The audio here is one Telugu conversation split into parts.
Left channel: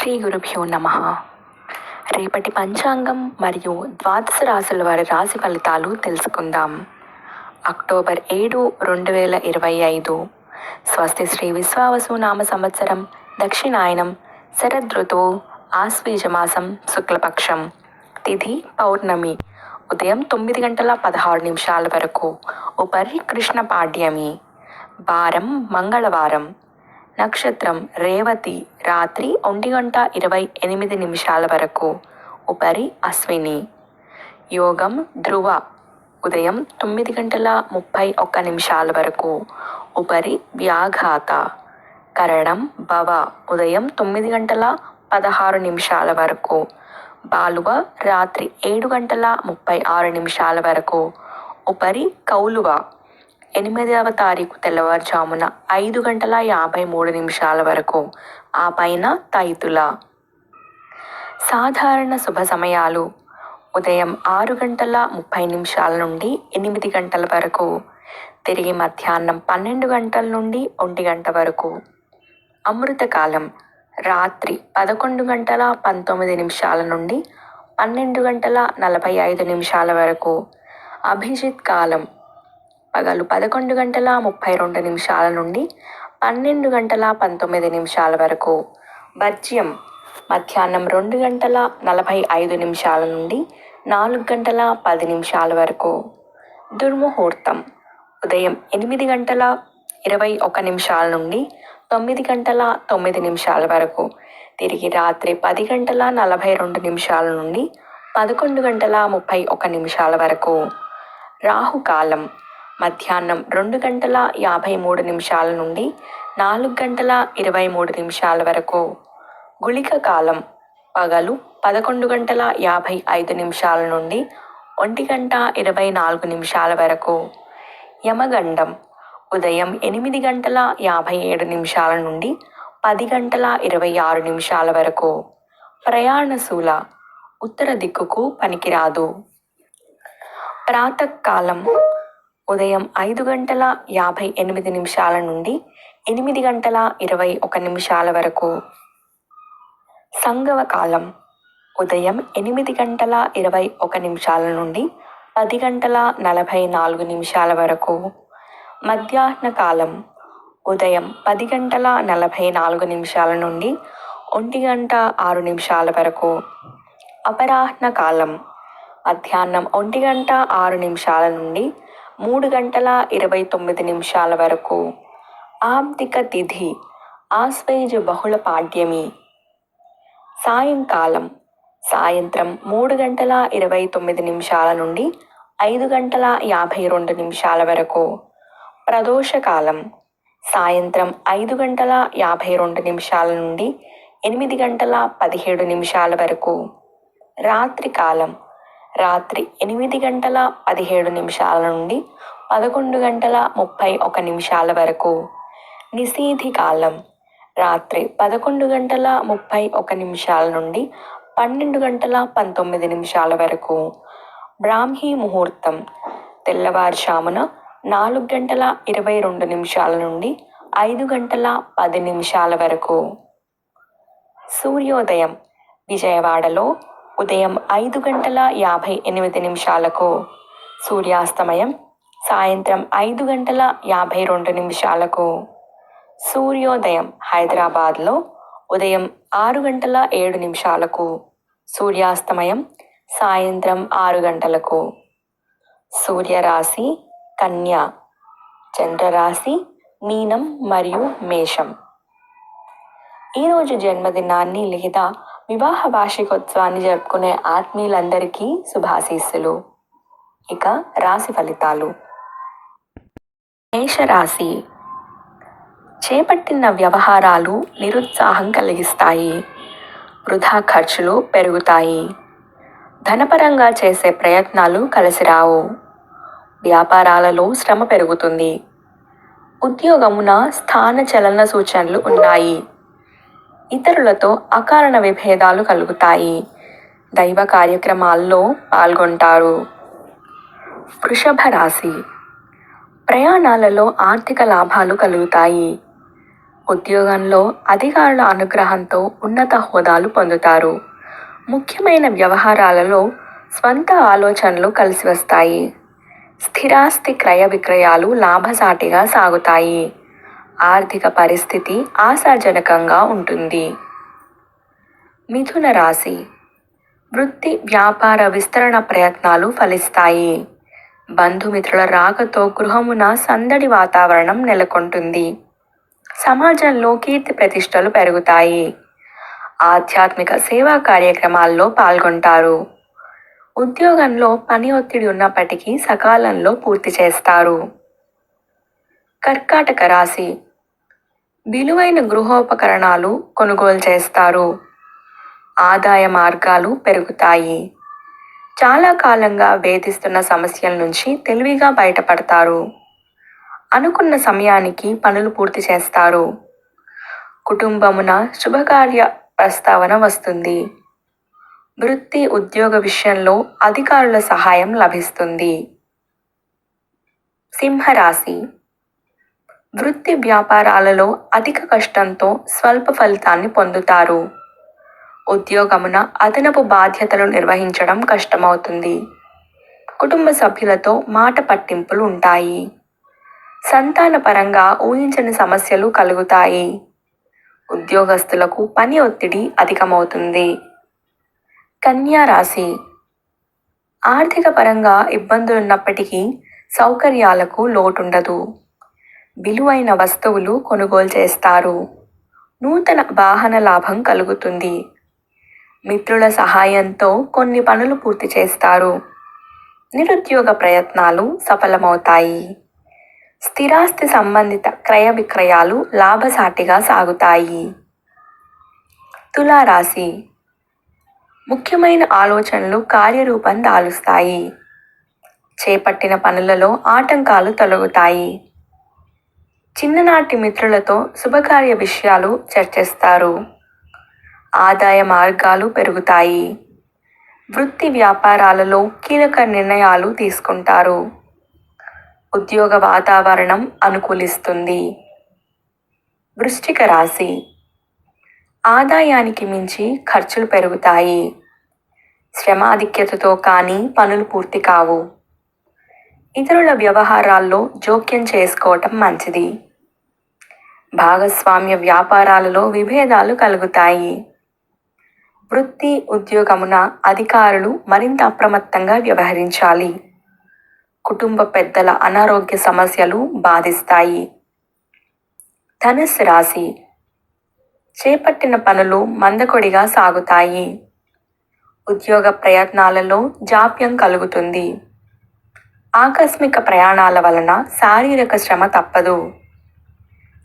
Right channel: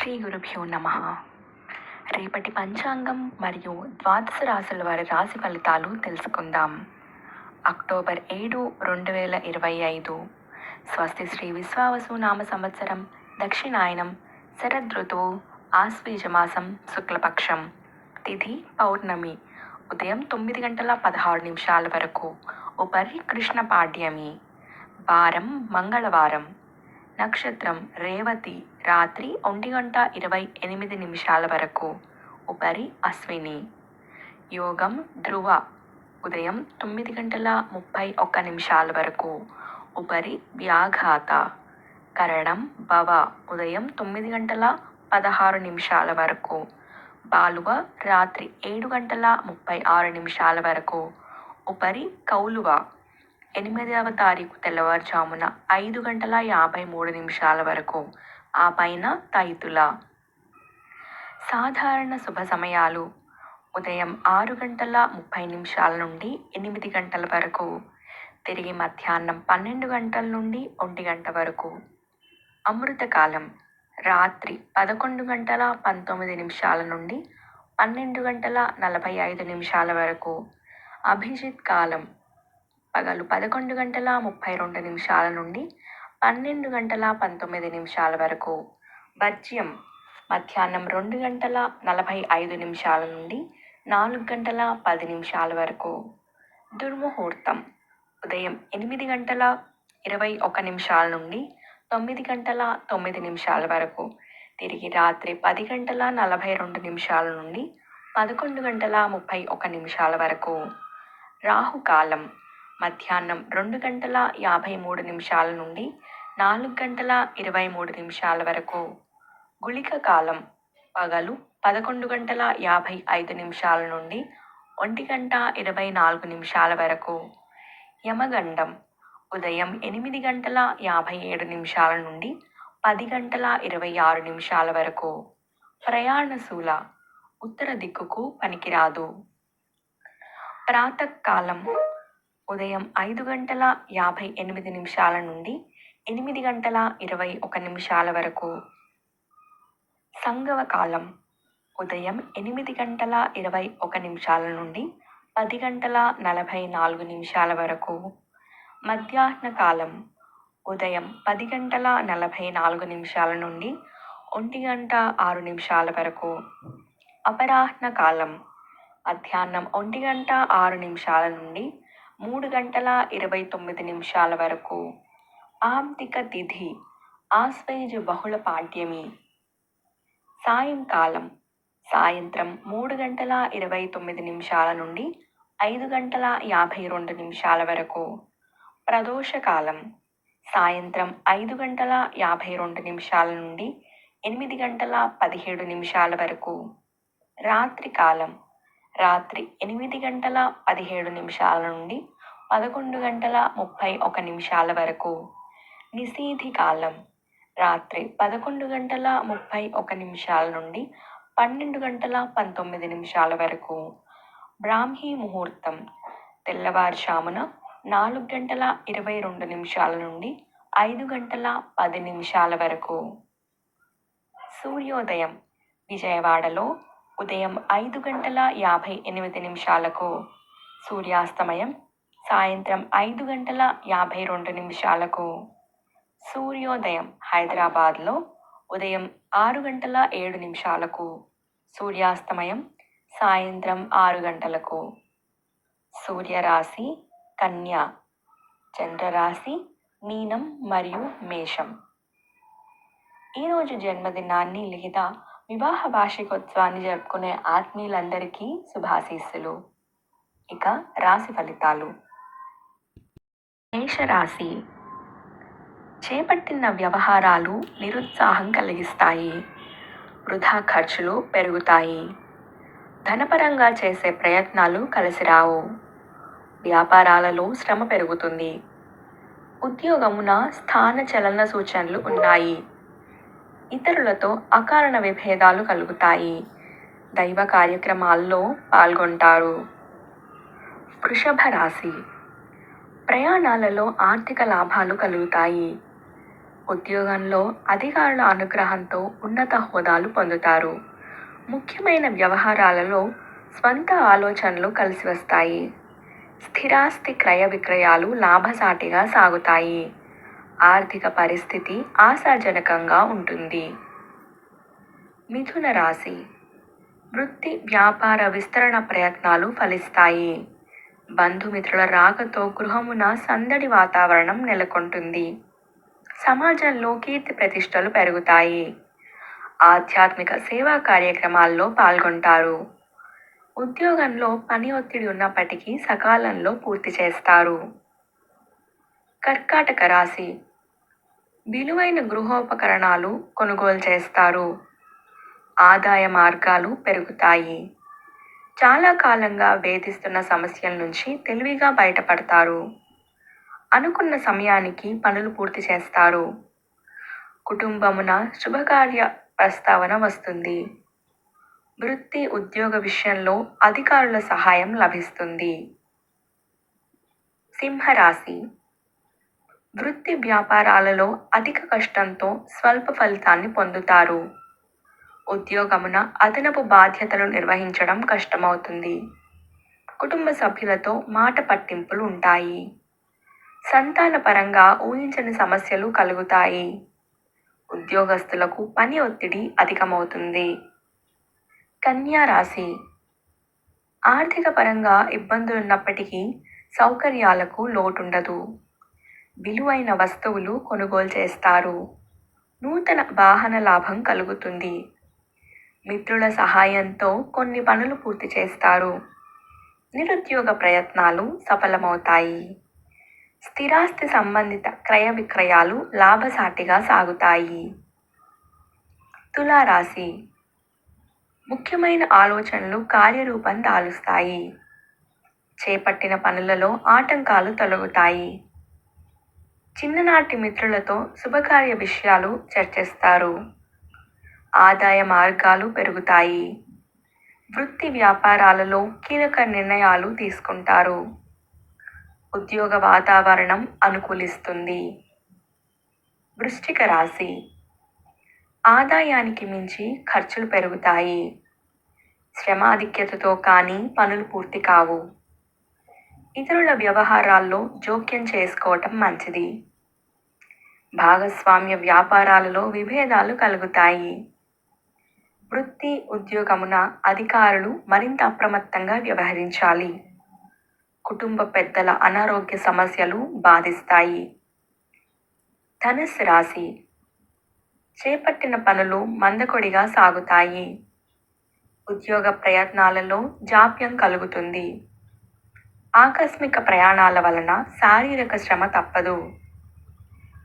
శ్రీ గురుభ్యో నమః. రేపటి పంచాంగం మరియు ద్వాదశ రాశుల వారి రాశి ఫలితాలు తెలుసుకుందాం. అక్టోబర్ 7, 2025. స్వస్తి శ్రీ విశ్వావసు నామ సంవత్సరం, దక్షిణాయనం, శరదృతువు, ఆశ్వీజమాసం, శుక్లపక్షం. తిథి పౌర్ణమి, ఉదయం 9 గంటల 16 నిమిషాల వరకు. ఉపరి కృష్ణ పాడ్యమి. వారం మంగళవారం. నక్షత్రం రేవతి, రాత్రి 1 గంట 28 నిమిషాల వరకు. ఉపరి అశ్విని. యోగం ధ్రువ, ఉదయం 9 గంటల 31 నిమిషాల వరకు. ఉపరి వ్యాఘాత. కరణం భవ, ఉదయం 9 గంటల 16 నిమిషాల వరకు. బాలువ, రాత్రి 7 గంటల 36 నిమిషాల వరకు. ఉపరి కౌలువ, 8వ తారీఖు తెల్లవారుజామున 5 గంటల 53 నిమిషాల వరకు. ఆ పైన తైతుల. సాధారణ శుభ సమయాలు: ఉదయం 6 గంటల 30 నిమిషాల నుండి 8 గంటల వరకు. తిరిగి మధ్యాహ్నం 12 గంటల నుండి 1 గంట వరకు. అమృతకాలం: రాత్రి 11 గంటల 19 నిమిషాల నుండి 12 గంటల 45 నిమిషాల వరకు. అభిజిత్ కాలం: పగలు 11 గంటల 32 నిమిషాల నుండి 12 గంటల 19 నిమిషాల వరకు. వర్జ్యం: మధ్యాహ్నం 2 గంటల 45 నిమిషాల నుండి 4 గంటల 10 నిమిషాల వరకు. దుర్ముహూర్తం: ఉదయం 8 గంటల 21 నిమిషాల నుండి 9 గంటల 9 నిమిషాల వరకు. తిరిగి రాత్రి 10 గంటల 42 నిమిషాల నుండి 11 గంటల 31 నిమిషాల వరకు. రాహుకాలం: మధ్యాహ్నం 2 గంటల 53 నిమిషాల నుండి 4 గంటల 23 నిమిషాల వరకు. గుళిక కాలం: పగలు 11 గంటల 55 నిమిషాల నుండి 1 గంట 24 నిమిషాల వరకు. యమగండం: ఉదయం 8 గంటల 57 నిమిషాల నుండి 10 గంటల 26 నిమిషాల వరకు. ప్రయాణశూల: ఉత్తర దిక్కుకు పనికిరాదు. ప్రాతకాలం: ఉదయం 5 గంటల 58 నిమిషాల నుండి 8 గంటల 21 నిమిషాల వరకు. సంగవ కాలం: ఉదయం 8 గంటల 21 నిమిషాల నుండి 10 గంటల 44 నిమిషాల వరకు. మధ్యాహ్న కాలం: ఉదయం 10 గంటల 44 నిమిషాల నుండి 1 గంట 6 నిమిషాల వరకు. అపరాహ్న కాలం: మధ్యాహ్నం 1 గంట 6 నిమిషాల నుండి 3 గంటల 29 నిమిషాల వరకు. ఆబ్దిక తిథి: ఆశ్వయుజ బహుళ పాడ్యమి. సాయంకాలం: సాయంత్రం 3 గంటల 29 నిమిషాల నుండి 5 గంటల 52 నిమిషాల వరకు. ప్రదోషకాలం: సాయంత్రం 5 గంటల 52 నిమిషాల నుండి 8 గంటల 17 నిమిషాల వరకు. రాత్రికాలం: రాత్రి 8 గంటల 17 నిమిషాల నుండి 11 గంటల 31 నిమిషాల వరకు. నిశీధి కాలం: రాత్రి 11 గంటల 31 నిమిషాల నుండి 12 గంటల 19 నిమిషాల వరకు. బ్రాహ్మీ ముహూర్తం: తెల్లవారుజామున 4 గంటల 22 నిమిషాల నుండి 5 గంటల 10 నిమిషాల వరకు. సూర్యోదయం: విజయవాడలో ఉదయం 5 గంటల 58 నిమిషాలకు. సూర్యాస్తమయం: సాయంత్రం 5 గంటల 52 నిమిషాలకు. సూర్యోదయం హైదరాబాద్లో ఉదయం 6 గంటల 7 నిమిషాలకు. సూర్యాస్తమయం సాయంత్రం 6 గంటలకు. సూర్యరాశి కన్య, చంద్రరాశి మీనం మరియు మేషం. ఈరోజు జన్మదినాన్ని లేదా వివాహ వార్షికోత్సవాన్ని జరుపుకునే ఆత్మీయులందరికీ శుభాశీస్సులు. ఇక రాశి ఫలితాలు. మేషరాశి: చేపట్టిన వ్యవహారాలు నిరుత్సాహం కలిగిస్తాయి. వృధా ఖర్చులు పెరుగుతాయి. ధనపరంగా చేసే ప్రయత్నాలు కలిసిరావు. వ్యాపారాలలో శ్రమ పెరుగుతుంది. ఉద్యోగమున స్థాన చలన సూచనలు ఉన్నాయి. ఇతరులతో అకారణ విభేదాలు కలుగుతాయి. దైవ కార్యక్రమాల్లో పాల్గొంటారు. వృషభ రాశి: ప్రయాణాలలో ఆర్థిక లాభాలు కలుగుతాయి. ఉద్యోగంలో అధికారుల అనుగ్రహంతో ఉన్నత హోదాలు పొందుతారు. ముఖ్యమైన వ్యవహారాలలో స్వంత ఆలోచనలు కలిసి వస్తాయి. స్థిరాస్తి క్రయ విక్రయాలు లాభసాటిగా సాగుతాయి. ఆర్థిక పరిస్థితి ఆశాజనకంగా ఉంటుంది. మిథున రాశి. వృత్తి వ్యాపార విస్తరణ ప్రయత్నాలు ఫలిస్తాయి. బంధుమిత్రుల రాకతో గృహమున సందడి వాతావరణం నెలకొంటుంది. సమాజంలో కీర్తి ప్రతిష్టలు పెరుగుతాయి. ఆధ్యాత్మిక సేవా కార్యక్రమాల్లో పాల్గొంటారు. ఉద్యోగంలో పని ఒత్తిడి ఉన్నప్పటికీ సకాలంలో పూర్తి చేస్తారు. కర్కాటక రాశి. విలువైన గృహోపకరణాలు కొనుగోలు చేస్తారు. ఆదాయ మార్గాలు పెరుగుతాయి. చాలా కాలంగా వేధిస్తున్న సమస్యల నుంచి తెలివిగా బయటపడతారు. అనుకున్న సమయానికి పనులు పూర్తి చేస్తారు. కుటుంబమున శుభకార్య ప్రస్తావన వస్తుంది. వృత్తి ఉద్యోగ విషయంలో అధికారుల సహాయం లభిస్తుంది. సింహరాశి. వృత్తి వ్యాపారాలలో అధిక కష్టంతో స్వల్ప ఫలితాన్ని పొందుతారు. ఉద్యోగమున అదనపు బాధ్యతలు నిర్వహించడం కష్టమవుతుంది. కుటుంబ సభ్యులతో మాట పట్టింపులు ఉంటాయి. సంతాన పరంగా ఊహించని సమస్యలు కలుగుతాయి. ఉద్యోగస్తులకు పని ఒత్తిడి అధికమవుతుంది. కన్యా రాశి. ఆర్థిక పరంగా ఇబ్బందులున్నప్పటికీ సౌకర్యాలకు లోటుండదు. విలువైన వస్తువులు కొనుగోలు చేస్తారు. నూతన వాహన లాభం కలుగుతుంది. మిత్రుల సహాయంతో కొన్ని పనులు పూర్తి చేస్తారు. నిరుద్యోగ ప్రయత్నాలు సఫలమవుతాయి. స్థిరాస్తి సంబంధిత క్రయ విక్రయాలు లాభసాటిగా సాగుతాయి. తులారాశి. ముఖ్యమైన ఆలోచనలు కార్యరూపం దాలుస్తాయి. చేపట్టిన పనులలో ఆటంకాలు తొలగుతాయి. చిన్ననాటి మిత్రులతో శుభకార్య విషయాలు చర్చిస్తారు. ఆదాయ మార్గాలు పెరుగుతాయి. వృత్తి వ్యాపారాలలో కీలక నిర్ణయాలు తీసుకుంటారు. ఉద్యోగ వాతావరణం అనుకూలిస్తుంది. వృశ్చిక రాశి. ఆదాయానికి మించి ఖర్చులు పెరుగుతాయి. శ్రమాధిక్యతతో కానీ పనులు పూర్తి కావు. ఇతరుల వ్యవహారాల్లో జోక్యం చేసుకోవటం మంచిది. భాగస్వామ్య వ్యాపారాలలో విభేదాలు కలుగుతాయి. వృత్తి ఉద్యోగమున అధికారులు మరింత అప్రమత్తంగా వ్యవహరించాలి. కుటుంబ పెద్దల అనారోగ్య సమస్యలు బాధిస్తాయి. ధనుస్సు రాశి. చేపట్టిన పనులు మందకొడిగా సాగుతాయి. ఉద్యోగ ప్రయత్నాలలో జాప్యం కలుగుతుంది. ఆకస్మిక ప్రయాణాల వలన శారీరక శ్రమ తప్పదు.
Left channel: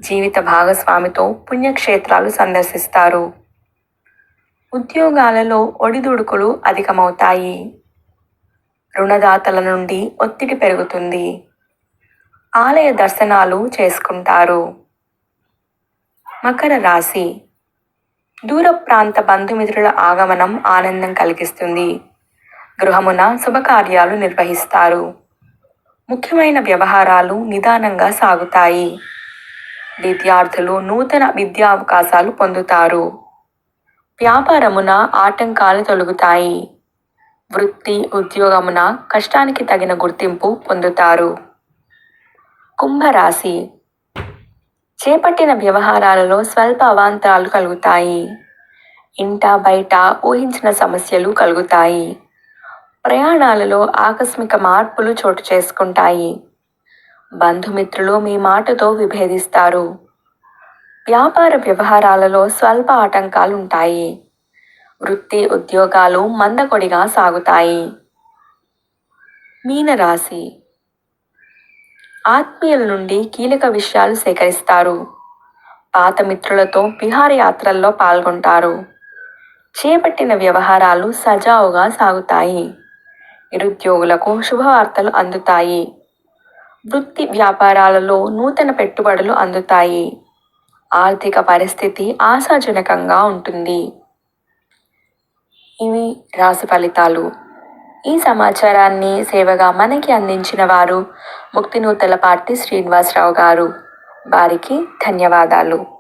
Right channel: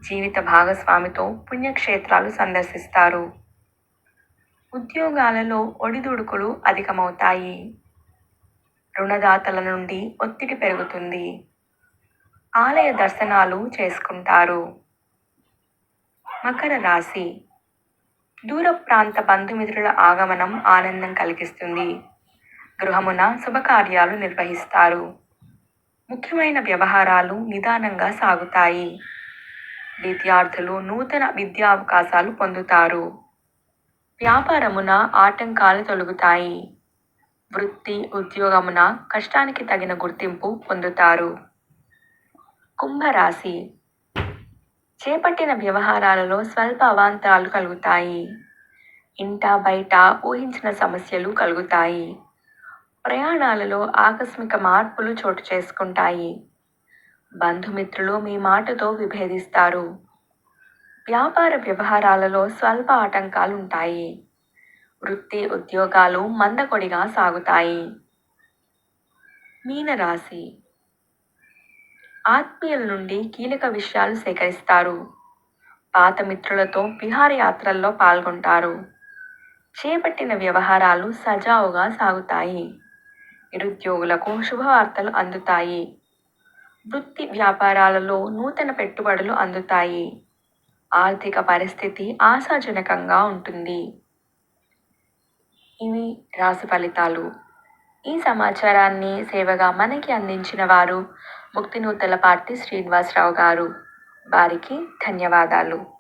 జీవిత భాగస్వామితో పుణ్యక్షేత్రాలు సందర్శిస్తారు. ఉద్యోగాలలో ఒడిదుడుకులు అధికమవుతాయి. రుణదాతల నుండి ఒత్తిడి పెరుగుతుంది. ఆలయ దర్శనాలు చేసుకుంటారు. మకర రాశి. దూర ప్రాంత బంధుమిత్రుల ఆగమనం ఆనందం కలిగిస్తుంది. గృహమున శుభకార్యాలు నిర్వహిస్తారు. ముఖ్యమైన వ్యవహారాలు నిదానంగా సాగుతాయి. విద్యార్థులు నూతన విద్యా అవకాశాలు పొందుతారు. వ్యాపారమున ఆటంకాలు తొలగుతాయి. వృత్తి ఉద్యోగమున కష్టానికి తగిన గుర్తింపు పొందుతారు. కుంభరాశి. చేపట్టిన వ్యవహారాలలో స్వల్ప అవాంతరాలు కలుగుతాయి. ఇంట బయట ఊహించిన సమస్యలు కలుగుతాయి. ప్రయాణాలలో ఆకస్మిక మార్పులు చోటు చేసుకుంటాయి. బంధుమిత్రులు మీ మాటతో విభేదిస్తారు. వ్యాపార వ్యవహారాలలో స్వల్ప ఆటంకాలు ఉంటాయి. వృత్తి ఉద్యోగాలు మందకొడిగా సాగుతాయి. మీనరాశి. ఆత్మీయుల నుండి కీలక విషయాలు సేకరిస్తారు. పాత మిత్రులతో విహారయాత్రల్లో పాల్గొంటారు. చేపట్టిన వ్యవహారాలు సజావుగా సాగుతాయి. నిరుద్యోగులకు శుభవార్తలు అందుతాయి. వృత్తి వ్యాపారాలలో నూతన పెట్టుబడులు అందుతాయి. ఆర్థిక పరిస్థితి ఆశాజనకంగా ఉంటుంది. ఇవి రాశి ఫలితాలు. ఈ సమాచారాన్ని సేవగా మనకి అందించిన వారు ముక్తినూతలపాటి శ్రీనివాసరావు గారు. వారికి ధన్యవాదాలు.